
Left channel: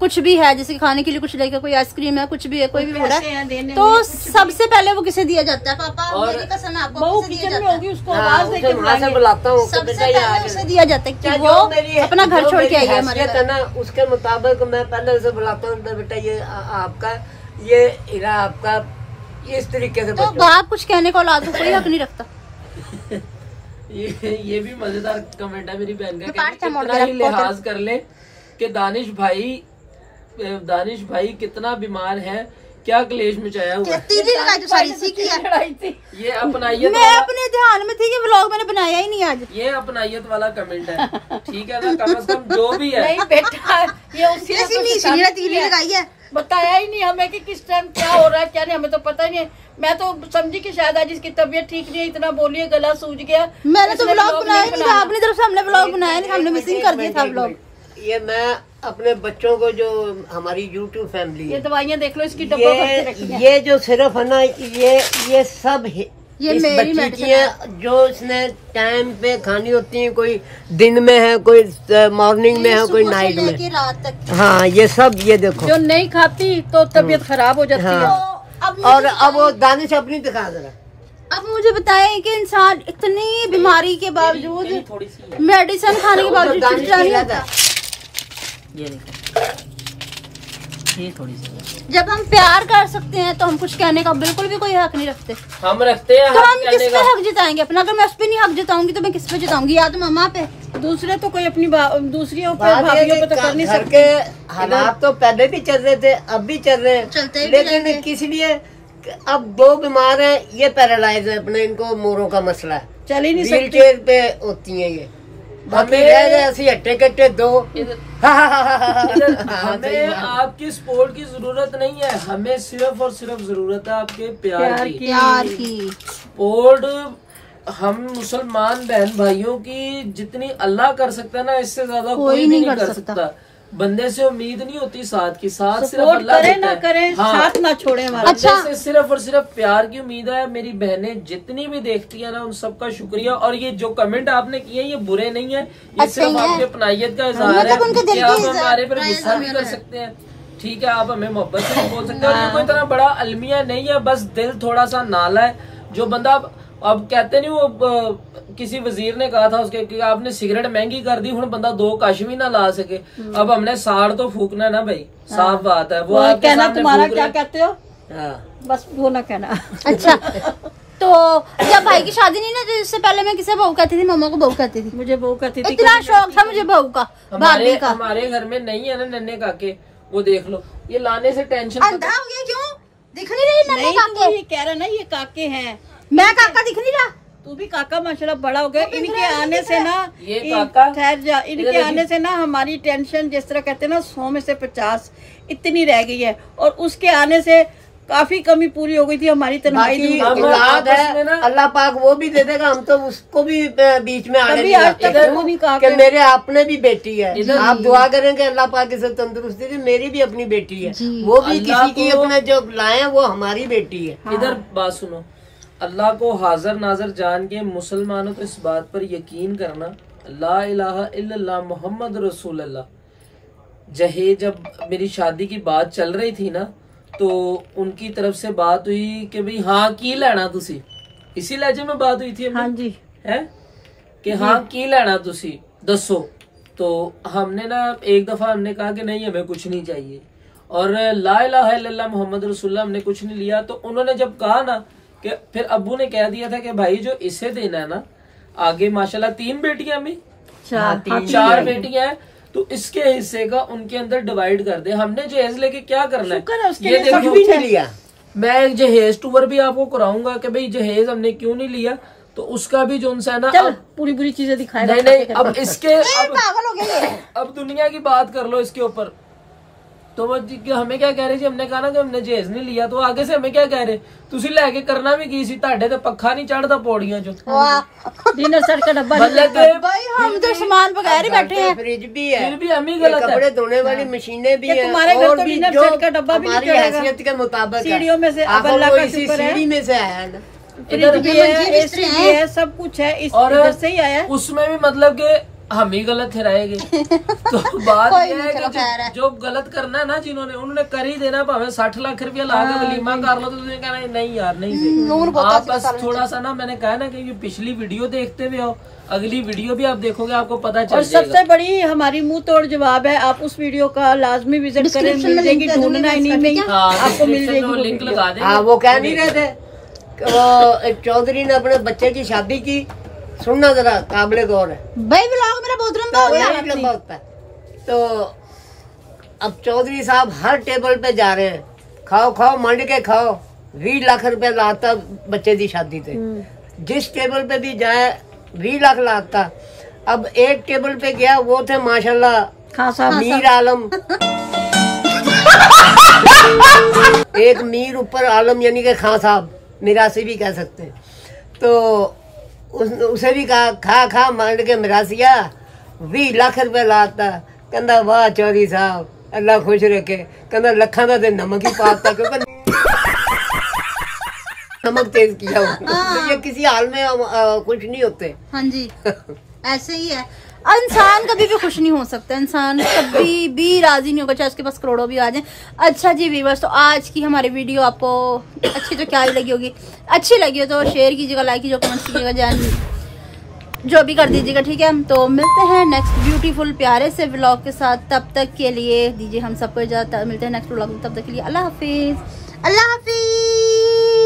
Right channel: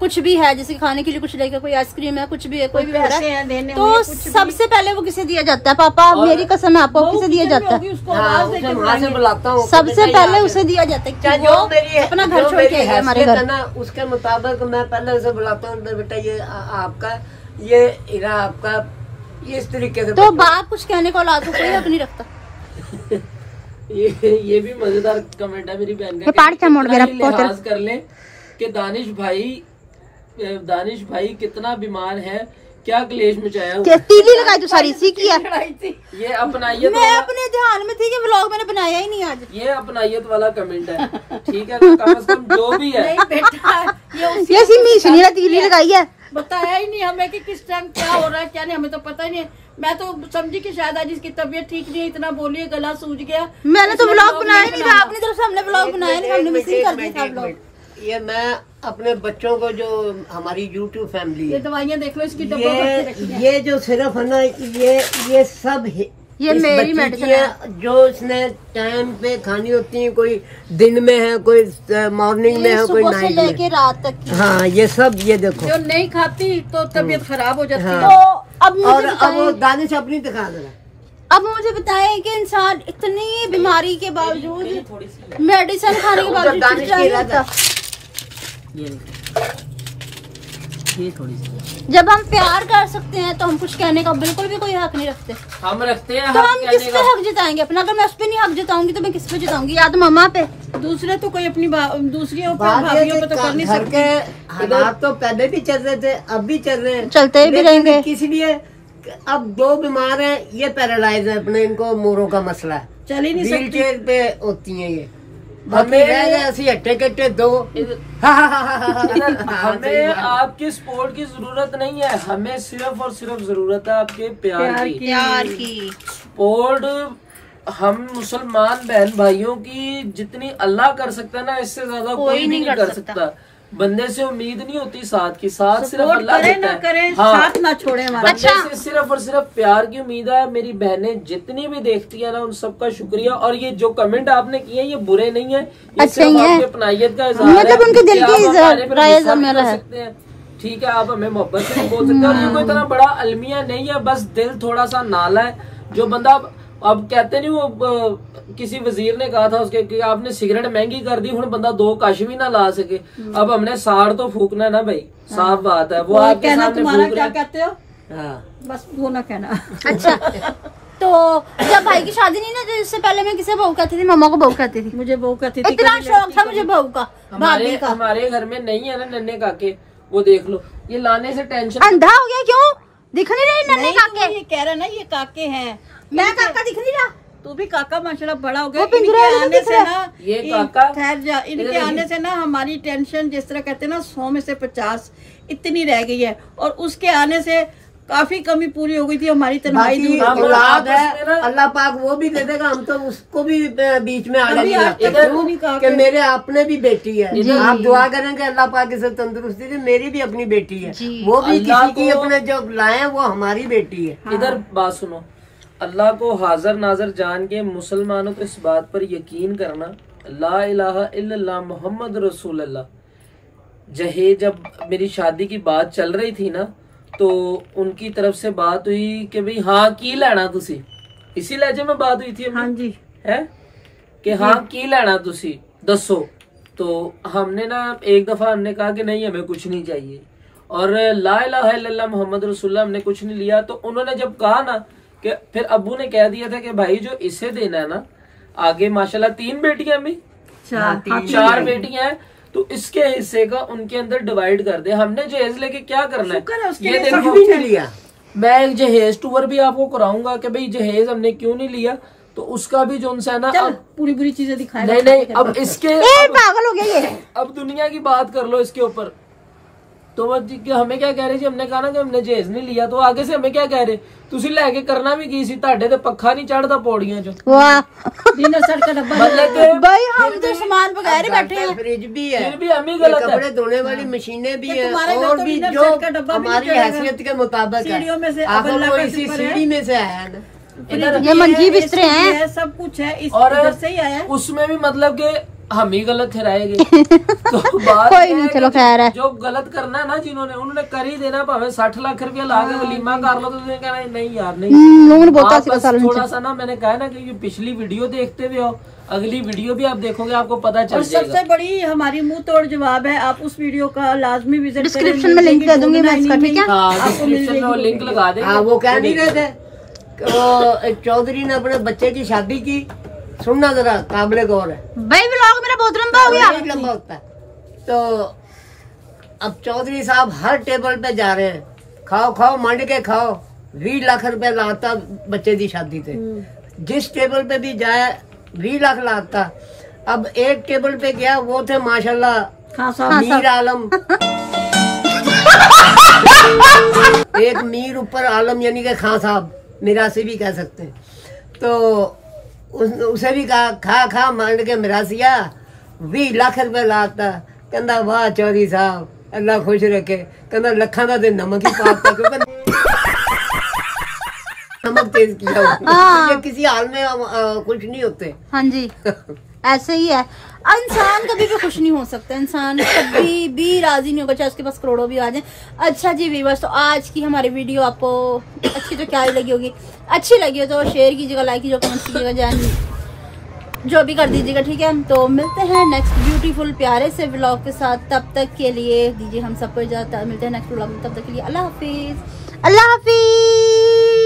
कुछ भी है, जैसे खाने के लिए कुछ लेकर, कोई आइसक्रीम है, कुछ भी है, कोई भी हो रहा है, तो सबसे पहले वो किसे दिया जाता है? पापा मेरी कसम है आपको, किसे दिया जाता है? उसको आवाज देके बुलाएंगे। बुलाता हूँ सबसे पहले उसे दिया जाता है कि वो अपना घर छोड़ के आएगा हमारे घर। ना उसके मुताबिक मैं पहले उसे बुलाता हूँ, बेटा ये आपका, ये इरा आपका, ये इस तरीके से। तो बाप कुछ कहने को औलाद को कोई हक नहीं रखता। ये भी मजेदार कमेंट है मेरी बहन का, कितना ही लिहाज कर ले कि दानिश भाई कितना बीमार है, क्या क्लेश मचाया हुआ। तीली लगाई तो सारी सी की है। ये अपनाइयत, मैं अपने ध्यान में थी कि व्लॉग मैंने बनाया ही नहीं आज। ये अपनाइयत वाला कमेंट है, ठीक है ना, कम से कम जो भी है। नहीं बेटा, ये मीशनी ने तीली लगाई है, बताया ही नहीं हमें कि किस टाइम क्या हो रहा है क्या नहीं, हमें तो पता ही नहीं। मैं तो समझी कि शायद आज इसकी तबीयत ठीक नहीं है, इतना बोलिए गला सूज गया। मैंने तो व्लॉग बनाया नहीं था, अपनी तरफ से हमने व्लॉग बनाया नहीं, हमने मिसिंग कर दिया था व्लॉग। ये मैं अपने बच्चों को, जो हमारी YouTube फैमिली ये दवाइयाँ देख लो, इसकी डब्बा भर के रखी है। ये जो सिर्फ है ना, ये सब ये मेरी मेडिसिन है जो इसने टाइम पे खानी होती है, कोई दिन में है, कोई मॉर्निंग में है, कोई नाइट में, लेके रात तक। हाँ ये सब, ये देखो जो नहीं खाती तो तबीयत खराब हो जाती है। हाँ। और अब वो दानिश अपनी दिखा दे रहा। अब मुझे बताएं कि इंसान इतनी बीमारी के बावजूद, मेडिसिन खाने के बावजूद चिड़चिड़ा नहीं होता। ये थोड़ी सी, जब हम प्यार कर सकते हैं तो हम कुछ कहने का बिल्कुल भी कोई हक नहीं रखते। हम रखते हैं तो हम किस पे हक जताएंगे अपना? अगर मैं उस पे नहीं हक जताऊंगी तो मैं किस पे जताऊंगी? या तो मामा पे। दूसरे तो कोई अपनी दूसरी भाभीियों पे तो कर नहीं सकते। हालात तो पहले भी चल रहे थे, अब भी चल रहे हैं, चलते भी रहेंगे। किस लिए? अब दो बीमार हैं, ये पैरालाइज है, अपने इनको मोरों का मसला है, चल ही नहीं व्हील सकते। चेयर पे होती हैं ये, बाकी रह गए ऐसे हट्टे कट्टे दो। हमें आपकी सपोर्ट की जरूरत नहीं है, हमें सिर्फ और सिर्फ जरूरत है आपके प्यार की। सपोर्ट हम मुसलमान बहन भाइयों की जितनी अल्लाह कर सकता है ना, इससे ज्यादा कोई भी नहीं कर सकता। बंदे से उम्मीद नहीं होती साथ की, साथ सिर्फ अल्लाह देता है। हाँ, साथ ना छोड़े हमारा। अच्छा, से सिर्फ और सिर्फ प्यार की उम्मीद है। मेरी बहनें जितनी भी देखती है ना, उन सबका शुक्रिया। और ये जो कमेंट आपने किए ये बुरे नहीं है, ये सिर्फ आपकी अपनाइयत का इजहार है कि आप हमारे पर गुस्सा नहीं कर सकते हैं, ठीक है, आप हमें मोहब्बत से नहीं बोल सकते। और ये कोई तरह बड़ा अलमिया नहीं है, बस दिल थोड़ा सा नाला है। जो बंदा अब कहते नहीं, वो किसी वजीर ने कहा था उसके कि आपने सिगरेट महंगी कर दी, हूं बंदा दो कश भी ना ला सके। अब हमने साड़ तो फूकना ना भाई, साफ बात है। वो आपके सामने तुम्हारा क्या कहते हो? बस वो ना कहना। अच्छा, तो जब भाई की शादी नहीं ना, तो इससे पहले मैं किसे बहू कहती थी? मम्मा को बहू कहती थी। मुझे बहू कहती थी, इतना शौक था मुझे बहू का, भाभी का। हमारे घर में नहीं है ना नन्हे काके, वो देख लो, ये लाने से टेंशन। अंधा हो गया क्यों? दिख नहीं रही नन्हे काके? ये कह रहे ना ये काके हैं, मैं काका दिख नहीं रहा। तू भी काका माशाल्लाह बड़ा हो गया। इनके आने से ना, ये काका ठहर जा, इनके आने से ना हमारी टेंशन, जिस तरह कहते हैं ना 100 में से 50 इतनी रह गई है। और उसके आने से काफी कमी पूरी हो गई थी हमारी, तन्हाई दूर हो गई। औलाद है अल्लाह पाक वो भी दे देगा, हम तो उसको भी बीच में आने नहीं आते कि मेरे आपने भी बेटी है। आप दुआ करें कि अल्लाह पाक इसे तंदुरुस्ती दे, मेरी भी अपनी बेटी है, वो भी किसी की अपने जो लाए वो हमारी बेटी है। इधर बात सुनो, अल्लाह को हाजिर नाजर जान के मुसलमानों को इस बात पर यकीन करना, ला इलाहा इल्लल्लाह मुहम्मद रसूलुल्लाह। जहेज जब मेरी शादी की बात चल रही थी ना, तो उनकी तरफ से बात हुई कि भाई हाँ की लेना तुसी, इसी लहजे में बात हुई थी हाँ जी है कि हाँ की लेना तुसी दसो। तो हमने ना एक दफा हमने कहा कि नहीं हमें कुछ नहीं चाहिए, और ला इलाहा इल्लल्लाह मुहम्मद रसूलुल्लाह हमने कुछ नहीं लिया। तो उन्होंने जब कहा ना कि फिर अब्बू ने कह दिया था कि भाई जो इसे देना है ना, आगे माशाल्लाह 3 बेटियां भी 4 बेटियां हैं, तो इसके हिस्से का उनके अंदर डिवाइड कर दे। हमने जहेज लेके क्या करना है ये देखो भी नहीं लिया। मैं एक जहेज टूर भी आपको कराऊंगा कि भाई जहेज हमने क्यों नहीं लिया, तो उसका भी जो उनसे है ना, अब पूरी बुरी चीजें दिखाए। नहीं अब इसके पागल हो गया ये। अब दुनिया की बात कर लो इसके ऊपर। तो हमें क्या कह रहे जी, हमने कहा ना कि हमने जहेज नहीं लिया, तो आगे से हमें क्या कह रहे, तुसी लेके करना भी की सी, ਤੁਹਾਡੇ ਤੇ पक्खा नहीं चढ़ता पौड़ियां जो डिनर सेट का डब्बा मतलब भाई हम तो सामान बगैर ही बैठे हैं। फ्रिज भी है, फिर भी हम ही गलत है। कपड़े धोने वाली मशीनें भी हैं, तुम्हारे घर और तो भी डिनर जो सेट का डब्बा भी हमारी नहीं चलेगा। हैसियत के मुताबिक सीढ़ियों में से है। अब अल्लाह वो का इसी शुक्र है। सीढ़ी में से आया है ना। ये मंजी बिस्तर है, सब कुछ है, और इधर से ही आया है। उसमें भी मतलब कि हम ही गलत ठहराएंगे। तो बात कोई ये नहीं, है चलो खैर है। कि जो गलत करना है ना जिन्होंने, उन्होंने कर ही देना। भावे 60 लाख रुपया ला के वलीमा कर लो, तो तुमने कहना है, नहीं यार नहीं। आप बस थोड़ा सा ना, मैंने कहा ना कि ये पिछली वीडियो देखते हुए हो, अगली वीडियो भी आप देखोगे आपको पता चल और जाएगा। सबसे बड़ी हमारी मुंह तोड़ जवाब है, आप उस वीडियो का लाजमी विजिट करें। डिस्क्रिप्शन में लिंक दे दूंगी मैं इसका, ठीक है? आपको मिल जाएगी लिंक लगा देंगे। हाँ, वो कह नहीं रहे थे कि वो एक चौधरी ने अपने बच्चे की शादी की, सुनना जरा, काबिले गौर है, भाई व्लॉग मेरा बहुत लंबा हो गया। बहुत लंबा होता है। तो अब चौधरी साहब हर टेबल पे जा रहे हैं, खाओ खाओ मंड के खाओ, 20 लाख रुपए लाता बच्चे की शादी से, जिस टेबल पे भी जाए 20 लाख लाता। अब एक टेबल पे गया, वो थे माशाल्लाह हाँ साहब, मीर आलम, एक मीर ऊपर आलम, यानी कि खां साहब, मिरासी भी कह सकते हैं। तो उसे भी कहा खा खा मंड के मिरासिया, 20 लाख रुपए लाता। कहता वाह चौधरी साहब अल्लाह खुश रखे, कहता लखा का नमक ही पाता, क्योंकि नमक तेज किया हुआ। तो ये किसी हाल में खुश नहीं होते। हाँ जी ऐसे ही है, इंसान कभी भी खुश नहीं हो सकता, इंसान कभी भी राजी नहीं होगा, चाहे उसके पास करोड़ों भी आ जाए। अच्छा जी व्यूअर्स, तो आज की हमारी वीडियो आपको अच्छी तो क्या ही लगी होगी, अच्छी लगी हो तो शेयर कीजिएगा, लाइक कीजिएगा, कमेंट कीजिएगा, जान जो भी कर दीजिएगा, ठीक है। तो मिलते हैं नेक्स्ट ब्यूटीफुल प्यारे से व्लॉग के साथ, तब तक के लिए दीजिए हम सबको इजाजत, मिलते हैं नेक्स्ट व्लॉग में, तब तक के लिए अल्लाह हाफिज, अल्लाह हाफिज।